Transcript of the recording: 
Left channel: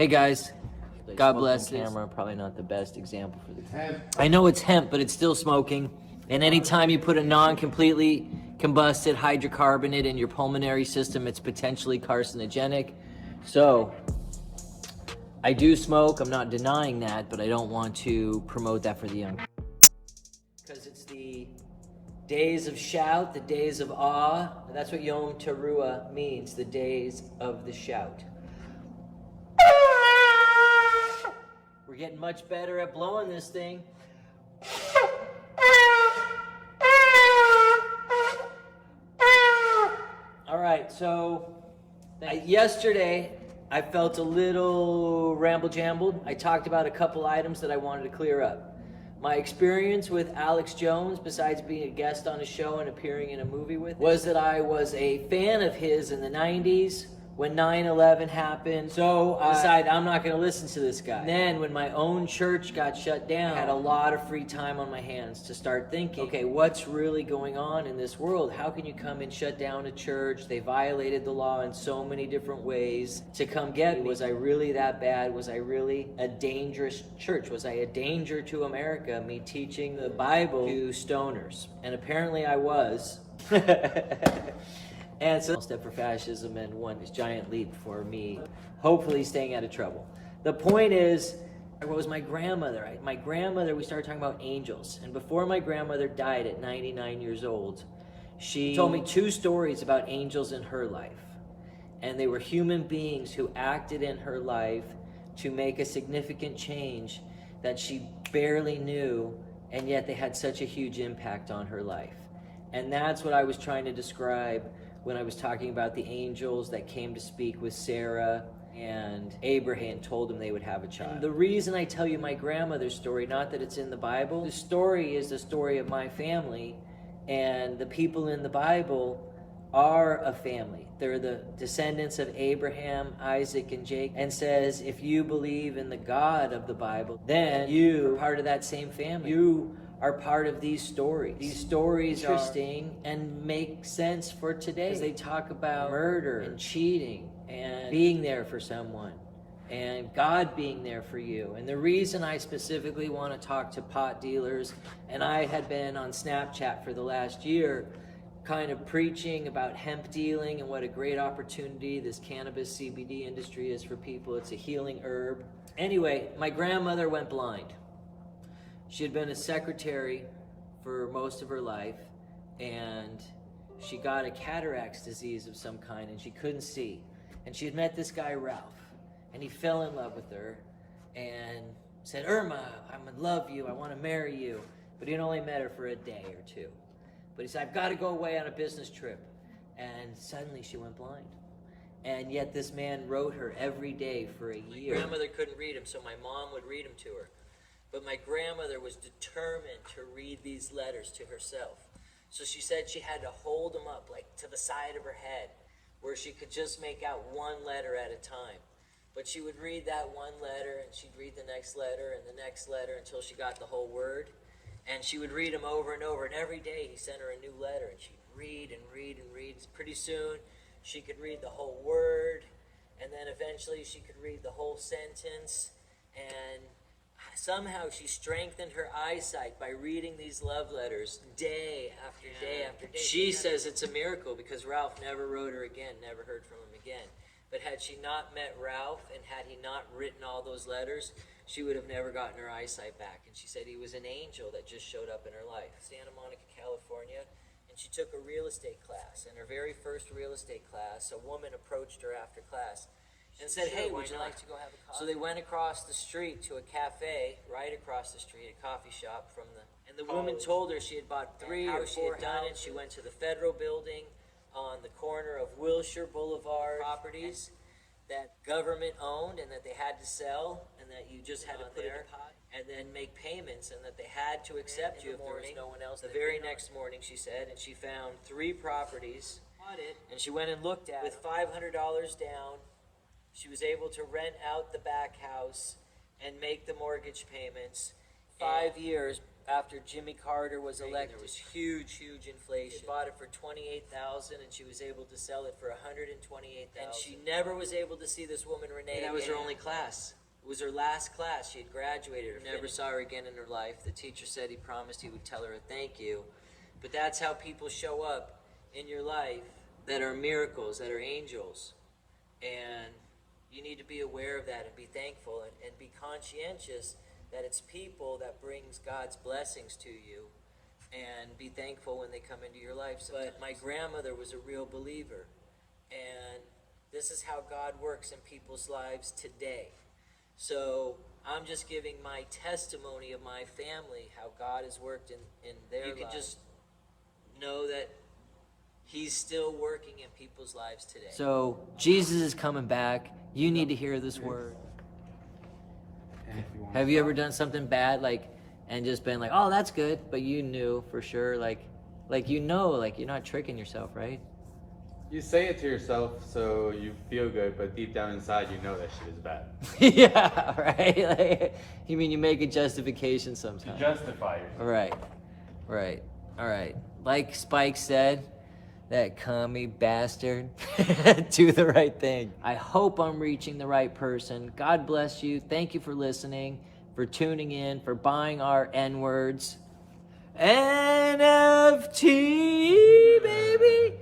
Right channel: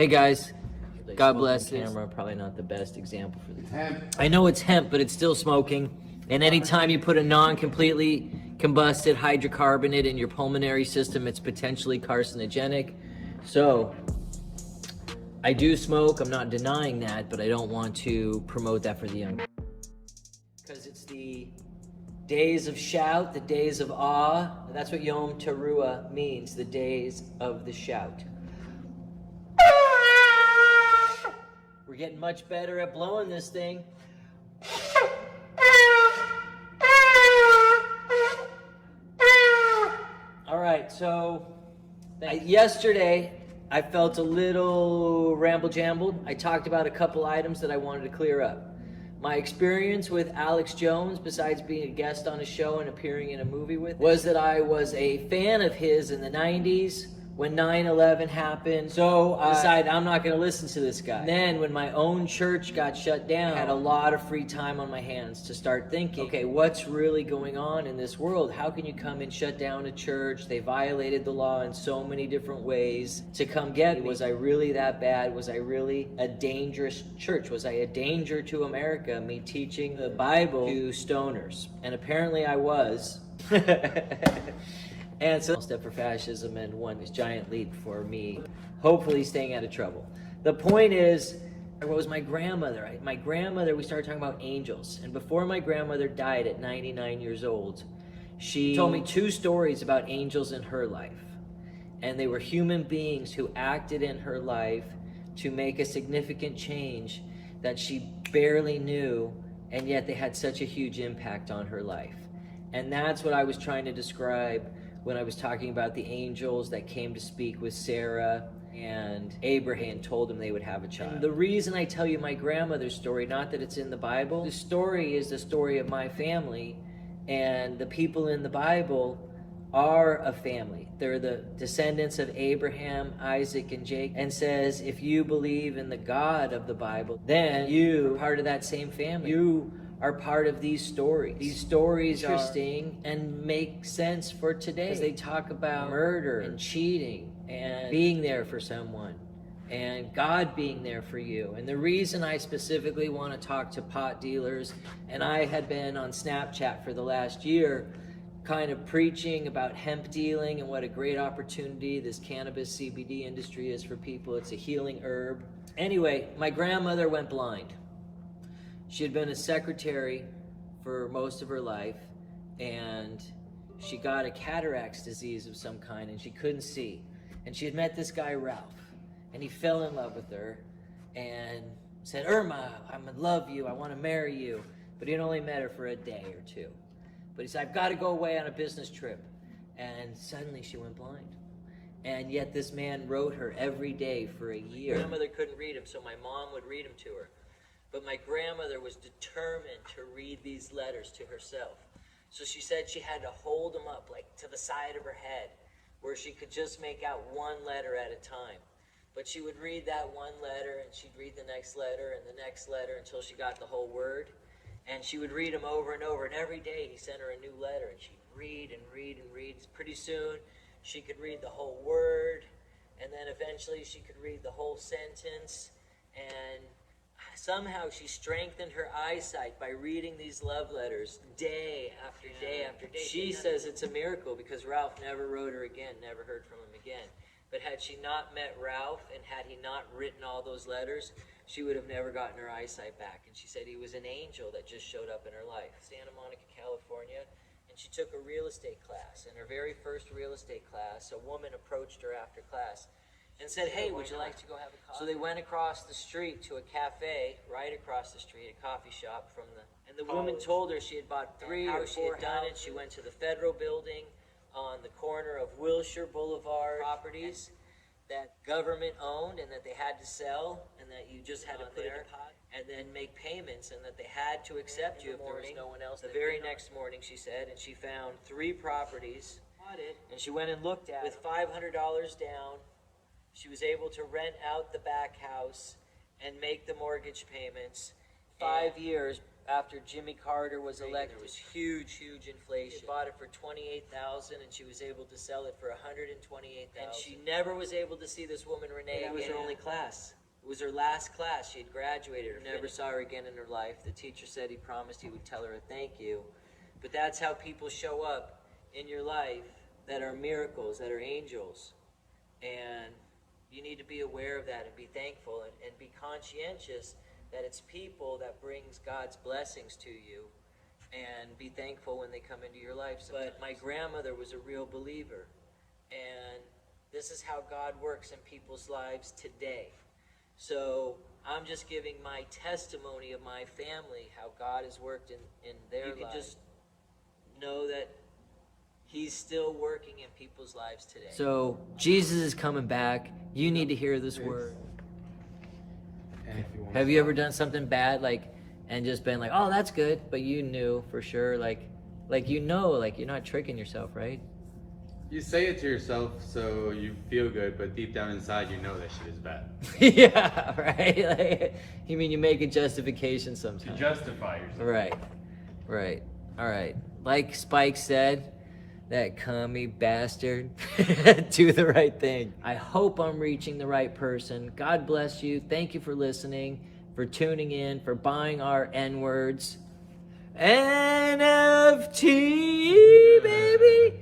Hey guys, God bless Smoking this. camera, probably not the best example for these. I know it's hemp, but it's still smoking. And anytime you put a non-completely combusted hydrocarbonate in your pulmonary system, it's potentially carcinogenic. So, I do smoke, I'm not denying that, but I don't want to promote that for the young. Because it's the days of shout, the days of awe. That's what Yom Teruah means, the days of the shout. We're getting much better at blowing this thing. All right, so yesterday I felt a little ramble-jambled. I talked about a couple items that I wanted to clear up. My experience with Alex Jones, besides being a guest on his show and appearing in a movie with, was that I was a fan of his in the 90s when 9/11 happened. So I decided I'm not going to listen to this guy. And then when my own church got shut down, I had a lot of free time on my hands to start thinking, okay, what's really going on in this world? How can you come and shut down a church? They violated the law in so many different ways to come get me. Was I really that bad? Was I really a dangerous church? Was I a danger to America, me teaching the Bible to stoners? And apparently I was. And so, step for fascism and one giant leap for me, hopefully staying out of trouble. The point is, what was my grandmother? My grandmother, we started talking about angels. And before my grandmother died at 99 years old, she told me 2 stories about angels in her life. And they were human beings who acted in her life to make a significant change that she barely knew, and yet they had such a huge impact on her life. And that's what I was trying to describe when I was talking about the angels that came to speak with Sarah and Abraham and told them they would have a child. And the reason I tell you my grandmother's story, not that it's in the Bible, the story is the story of my family, and the people in the Bible are a family. They're the descendants of Abraham, Isaac, and Jacob, and says if you believe in the God of the Bible, then you are part of that same family. You are part of these stories. These stories are interesting and make sense for today. Because they talk about murder and cheating and being there for someone and God being there for you. And the reason I specifically want to talk to pot dealers, and I had been on Snapchat for the last year kind of preaching about hemp dealing and what a great opportunity this cannabis CBD industry is for people. It's a healing herb. Anyway, my grandmother went blind. She had been a secretary for most of her life, and she got a cataracts disease of some kind, and she couldn't see. And she had met this guy, Ralph, and he fell in love with her and said, Irma, I'm in love you, I want to marry you. But he'd only met her for a day or 2. But he said, I've got to go away on a business trip. And suddenly she went blind. And yet this man wrote her every day for a year. My grandmother couldn't read him, so my mom would read him to her. But my grandmother was determined to read these letters to herself. So she said she had to hold them up, like to the side of her head, where she could just make out one letter at a time. But she would read that one letter, and she'd read the next letter, and the next letter, until she got the whole word. And she would read them over and over, and every day he sent her a new letter, and she'd read and read and read. Pretty soon, she could read the whole word, and then eventually she could read the whole sentence, and somehow she strengthened her eyesight by reading these love letters day after day after day. She says it's a miracle because Ralph never wrote her again, never heard from him again. But had she not met Ralph and had he not written all those letters, she would have never gotten her eyesight back. And she said he was an angel that just showed up in her life. Santa Monica, California, and she took a real estate class. In her very first real estate class, a woman approached her after class and said, hey, would you like to go have a coffee? So they went across the street to a cafe, right across the street, a coffee shop from the... And the woman told her she had bought 3 or 4 done it. She went to the federal building on the corner of Wilshire Boulevard properties that government owned and that they had to sell and that you just had to put there and then make payments and that they had to accept you if there was no one else. The very next morning, she said, and she found 3 properties and she went and looked at it with $500 down. She was able to rent out the back house and make the mortgage payments 5 years after Jimmy Carter was elected, there was huge inflation. She bought it for $28,000, and she was able to sell it for $128,000. And she never was able to see this woman, Renee. That was her only class. It was her last class. She had graduated. Never saw her again in her life. The teacher said he promised he would tell her a thank you. But that's how people show up in your life that are miracles, that are angels. And you need to be aware of that and be thankful and be conscientious that it's people that brings God's blessings to you, and be thankful when they come into your life. But my grandmother was a real believer, and this is how God works in people's lives today. So I'm just giving my testimony of my family, how God has worked in their lives. You can just know that He's still working in people's lives today. So Jesus is coming back. You need to hear this word. Have you ever done something bad, and just been like, oh, that's good, but you knew for sure, like you're not tricking yourself, right? You say it to yourself so you feel good, but deep down inside you know that shit is bad. Yeah, right? You mean you make a justification sometimes. To justify yourself. Right. All right. Like Spike said, that commie bastard, do the right thing. I hope I'm reaching the right person. God bless you. Thank you for listening, for tuning in, for buying our N-words. NFT, baby.